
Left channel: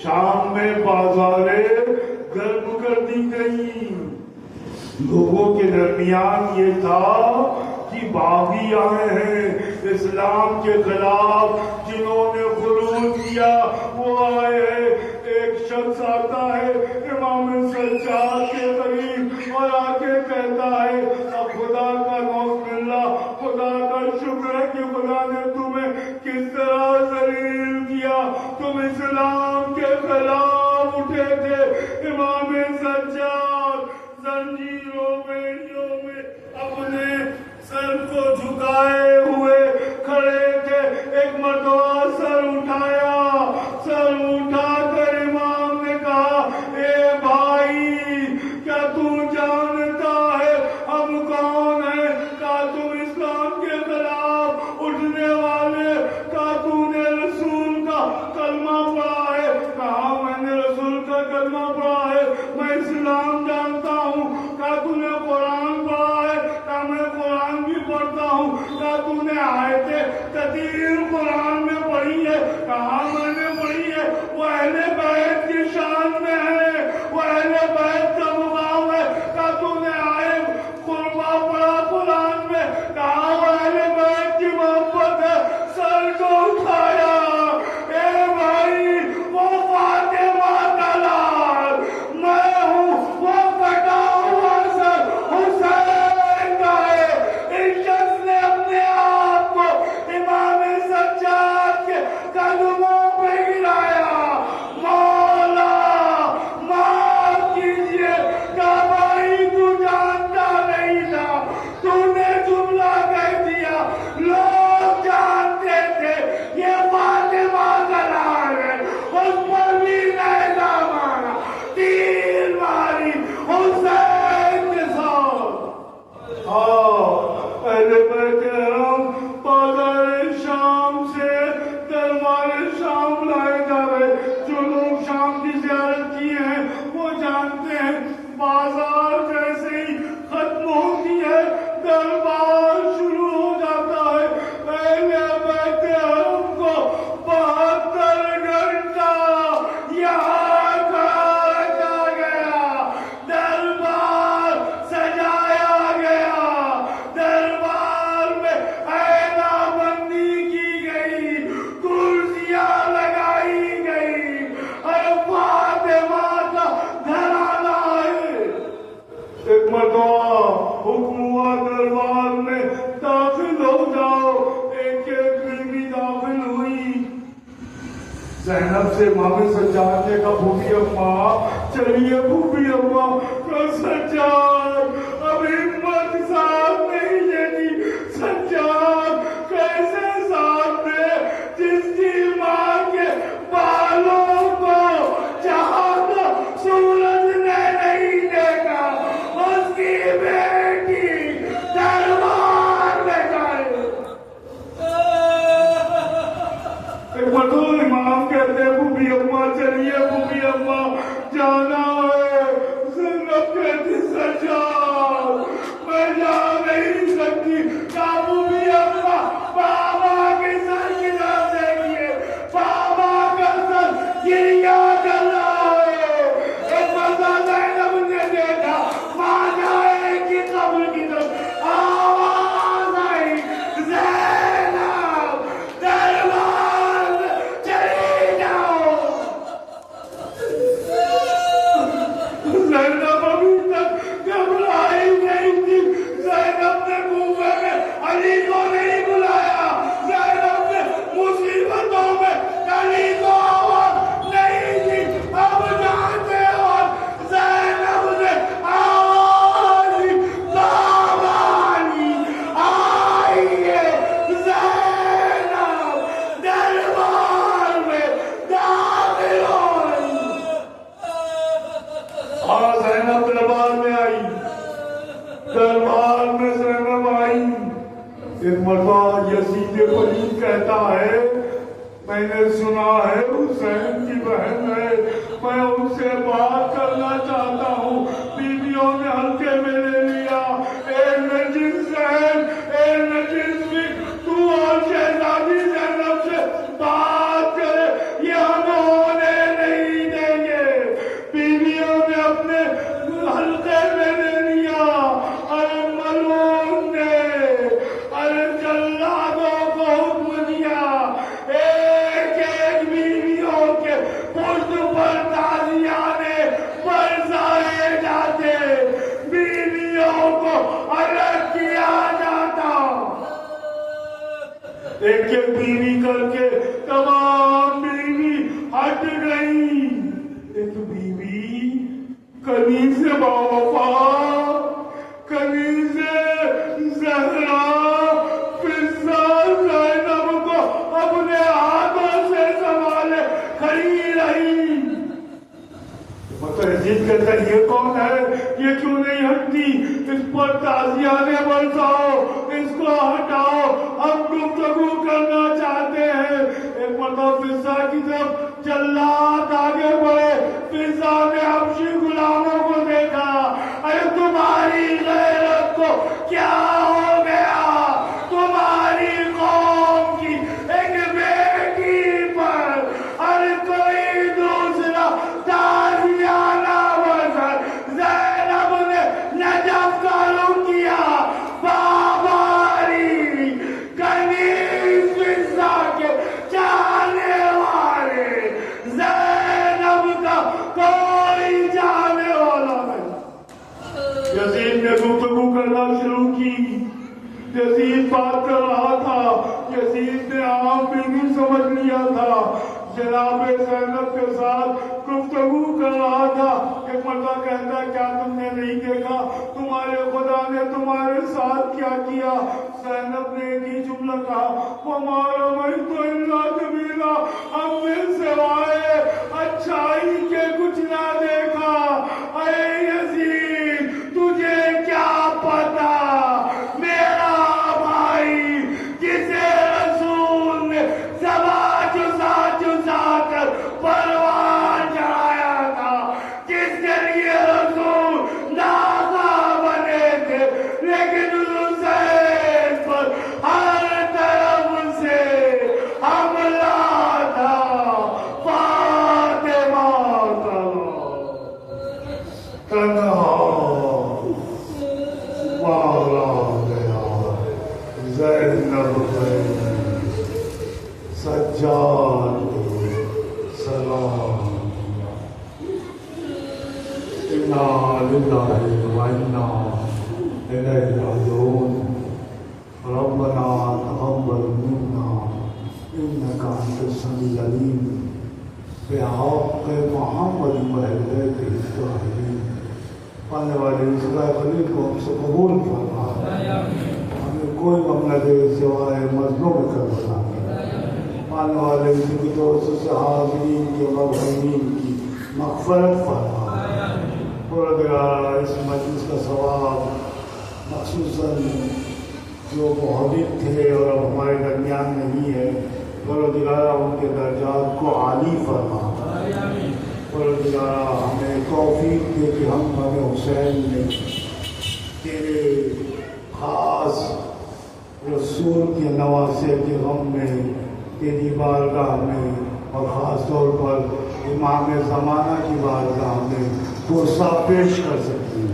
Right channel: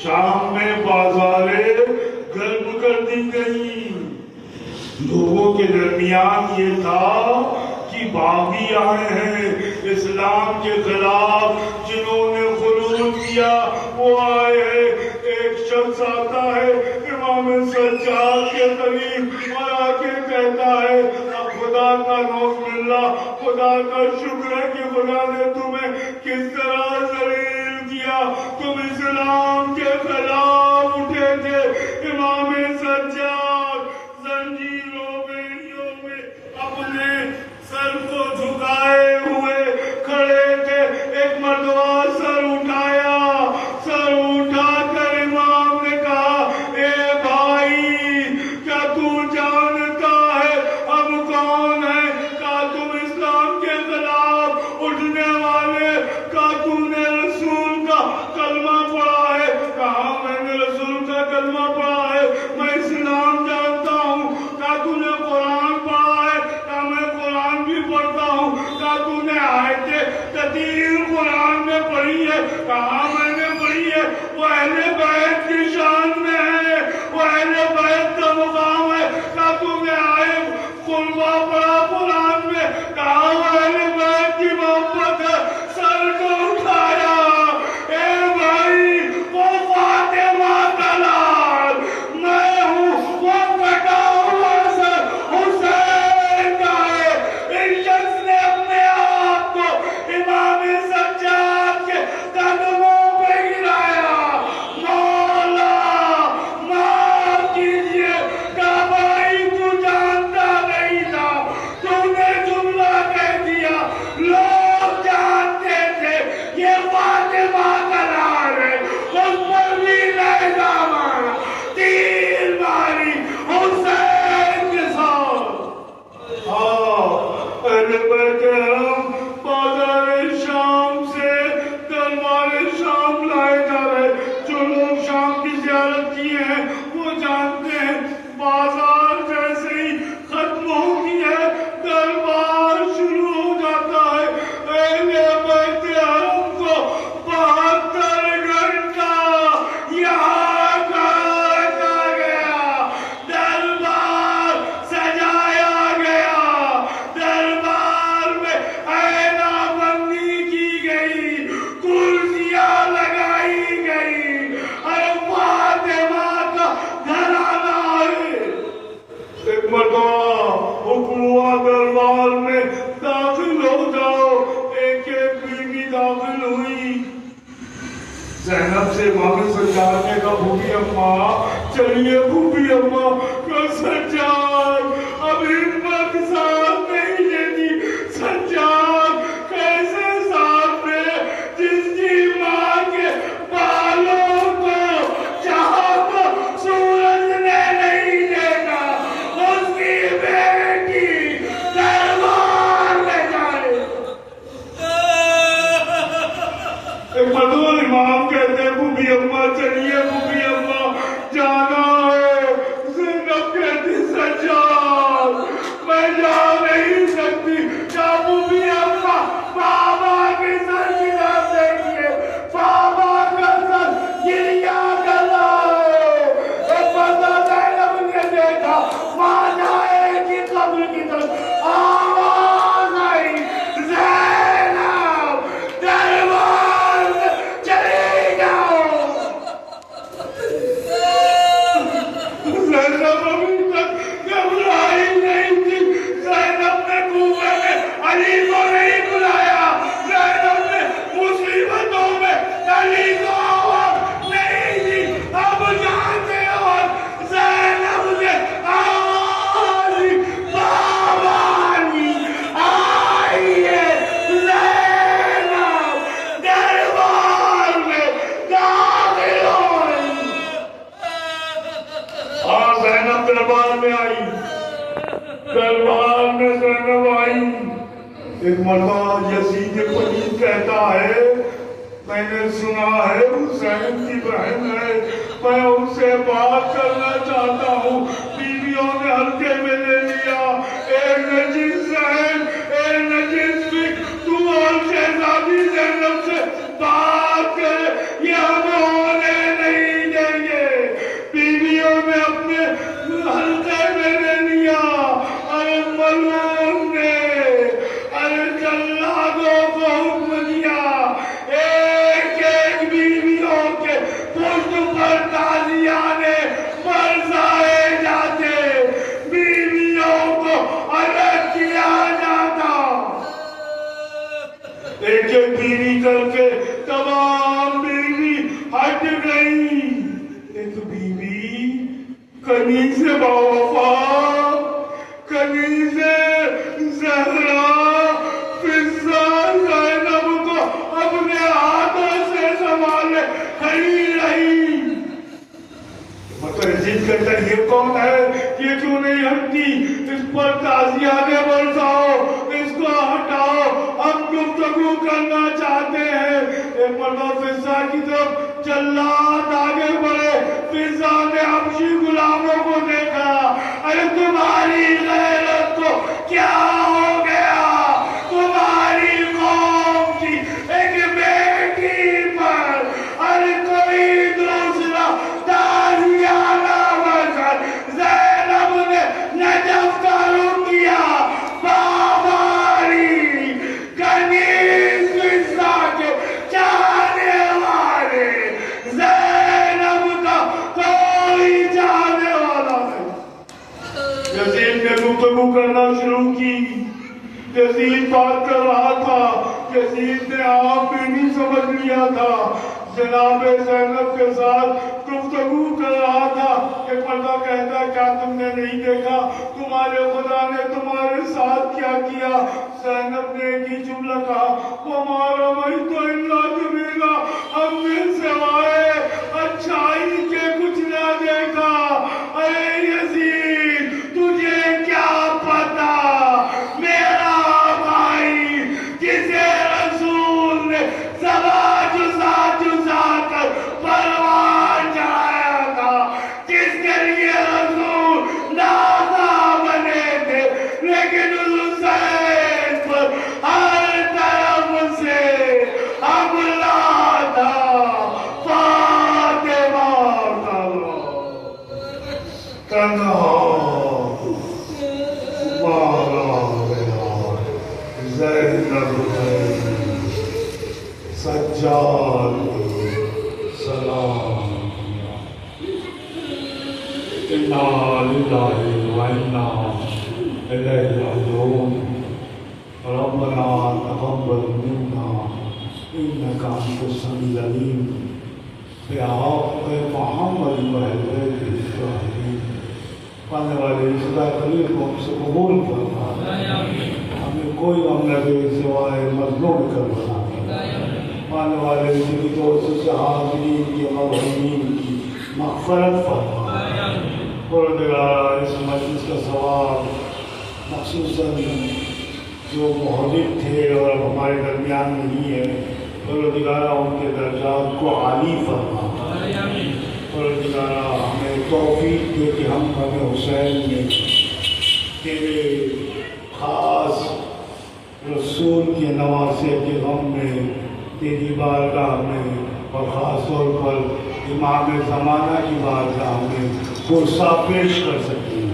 شام میں بازاریں گرم کر دی گئی. لوگوں کے درمیان یہ تھا کہ باغی آئے ہیں اسلام کے خلاف، جنہوں نے خروج کیا وہ آئے ہیں. ایک شخص آتا ہے امام سجاد کے قریب اور آ کے کہتا ہے، اب خدا کا نعوذ باللہ، خدا کا شکر ہے کہ خدا نے تمہیں کس طرح ذلیل کیا. تم اسلام کے خلاف اٹھے تھے. امام سجاد زنجیروں بیڑیوں میں اپنے سر کو جھکائے ہوئے کھڑے تھے. ایک مرتبہ سر اٹھایا، سر اٹھا کر امام نے کہا، اے بھائی، کیا تو جانتا ہے ہم کون ہیں؟ کہا تم اسلام کے خلاف اٹھنے والے، کہا تو نے رسول کا کلمہ پڑھا ہے؟ کہا میں نے رسول کا کلمہ پڑھا ہے، میں اسلام جانتا ہوں. کہا تو نے قرآن پڑھا ہے؟ کہا میں قرآن بھی پڑھتا ہوں. کہا تو نے آیتیں تطہیر قرآن میں پڑھی ہے؟ کہا میں نے پڑھی ہے. وہ اہل بیت کی شان میں ہے، وہ اہل بیت کا مقام ہے. کہا تو نے آیت قربہ پڑھا قرآن میں؟ کہا وہ اہل بیت کی محبت ہے. سر کو اٹھایا. اے بھائی، وہ فاطمہ کا لال، میں ہوں وہ کٹا ہوا سر بازار جیسے ہی ختم ہوتی ہے دربار شروع ہو جاتا ہے. اہل بیت حرم کو 72 گھنٹہ یہاں رکھا گیا, دربار سجایا گیا, دربار میں عینہ بندی کی گئی, کرسیاں لگائی گئی. اور فاطمہ کا گھرانہ ہے. ایک مرتبہ حکم ہوا دربار میں داخل ہو جاؤ. ایک ایک بیوی داخل ہوئی. زینب سے مامے سجاد نے کہا بھوبی اماں چلیے, بھوبی اماں کا سجاد اب ہمت ساتھ نہیں لیتی. سجاد کیسے ساتھ میں جس کی ماں کے بالوں کو جہاں کو سورج نے نہیں دیکھا اس کی بیٹی دربار میں جائے. ایک مرتبہ امام کہتے ہیں بھوبی اماں چلیے, بھوبی اماں جانا ہے. زینب کہتی سجاد میں جا نہیں سکتی. کیا بھوبی اماں بابا کے سر گرا دیکھیے, بابا کا سر گریا کر رہا ہے. ایک مرتبہ زینب نے دیکھا ماں جائے کی قبر کی طرف, آواز آئی زینب دربار میں چلی جاؤ. زینب ابھی تک گھبرائی نہیں تھی. زینب نے کنویں میں علی کو نہیں بلایا. زینب نے مصیبتوں میں علی کو آواز نہیں دی. اب جانتے ہو زینب نے آواز دی, بابا علی آئیے. زینب دربار میں داخل ہوئی. زینب دربار میں آئی. دربار میں زینب آئی. ایک مرتبہ یزید پلید کہتا ہے میں نے سنا ہے حسین کی بہن ہے, میں ان سے بات کرنا چاہتا ہوں. بیویوں نے ہلکے میں لے لیا. اے نجیب زین, اے نجیب فک, تو اور شہزادی زینب سے بات کرے, یہ ہم ہونے نہیں دیں گے. بیویوں نے اپنے ہلکے میں لے لیا. اور ملعون نے جلادوں کو حکم دیا ایک ایک بیویوں کے پشت پر تازیانے برسائے جاتے, بیویوں کو الگ کیا جاتا. ایک ایک بیوی کر کے تمام بیوی ہٹ گئی. ایک بیوی کنیز باوفا, کنیز زہرا فضہ زینب کو اپنے ہاتھوں سے سنبھالے کھڑی رہی. متعجب کہتا ہے یہ کون ہے, یہ کیوں نہیں ہٹتی, اس پر تازیانے برساؤ, اس کو ہٹاؤ, ہم گفتگو کرنا چاہتے ہیں. ایک مرتبہ فضہ کی طرف جلاد آگے بڑھے. فضہ نے حبشی غلاموں کو دیکھا. ارے تمہاری غیرت کو کیا ہو گیا, تمہاری قوم کی ایک بیٹی پر ہر کوئی دوسرا تازیانہ برسا. زینب نے نجف کا رخ کیا. بابا علی کنیز فضہ کے چاہنے والے, زینب کا کوئی چاہنے والا نہیں. یزید نے گفتگو کرنا شروع کی. یزید بات کر رہا تھا. یزید نے آپ بھی نہیں سمجھ لیا تھا. جناب زینب کے ساتھ گفتگو کر رہا تھا. ایک مرتبہ کہتا ہے کیا تم نے نہیں دیکھا تمہارے خدا نے تمہارے ساتھ کیا کیا. زینب نے ایک ہی جملہ کہا, ہمارا بھائی تو اللہ جمیلا, ہم نے سوائے اچھائی کے کچھ نہ دیکھا. ارے یزید تجھے کیا پتا, میرا بھائی جسے رسول نے زبا جزا جزا کر پروان چڑھایا تھا, جس کے لیے رسول زینب سجاد سلام انا للہ وانا الیہ راجعون ربنا تقبل منا انک انت السمیع العلیم بحق محمد وآل ابراہیم پڑھنے والے اس دلیل کو ہم سے قبول فرما ہمیں کوئی غم نہ دے سوائے مظلوم کربلا پڑھنے والے اس کی طور سے حاضرین کی مرحومین کی مغفرت فرما پروردگارا اس مجلس کا ثواب خصوصاً جو محدث تھے اور ہمارے درمیان نہیں ہے پروردگارا ان کے درجات کو عالی فرما پروردگارا ہمیں توفیق دے کہ ہم غم حسین میں تیرے خاص رسول کے نواسے کے غم میں تیری بارگاہ میں اور خاص طور پر امام زمانہ کی بارگاہ میں کوسہ پیش کر سکیں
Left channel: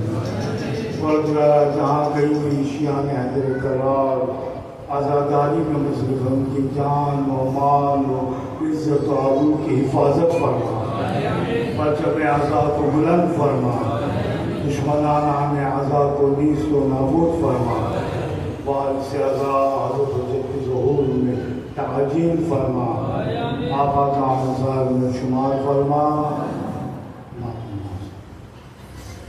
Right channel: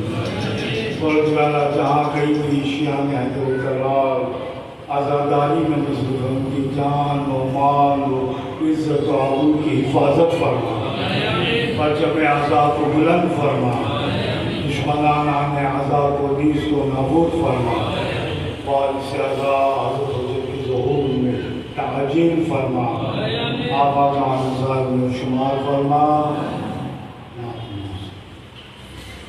پروردگارا جہاں کہیں بھی شیعہ میں حیدر کرار آزاداری میں مصروف ان کی جان و مال و عزت و آبرو کی حفاظت فرما پرچم آزاد و بلند فرما دشمنان آزاد و نیست و نابود فرما وارث آزاد حضرت حجت کی ظہور میں تعجیل فرما آقا جان صاحب میں شمار فرما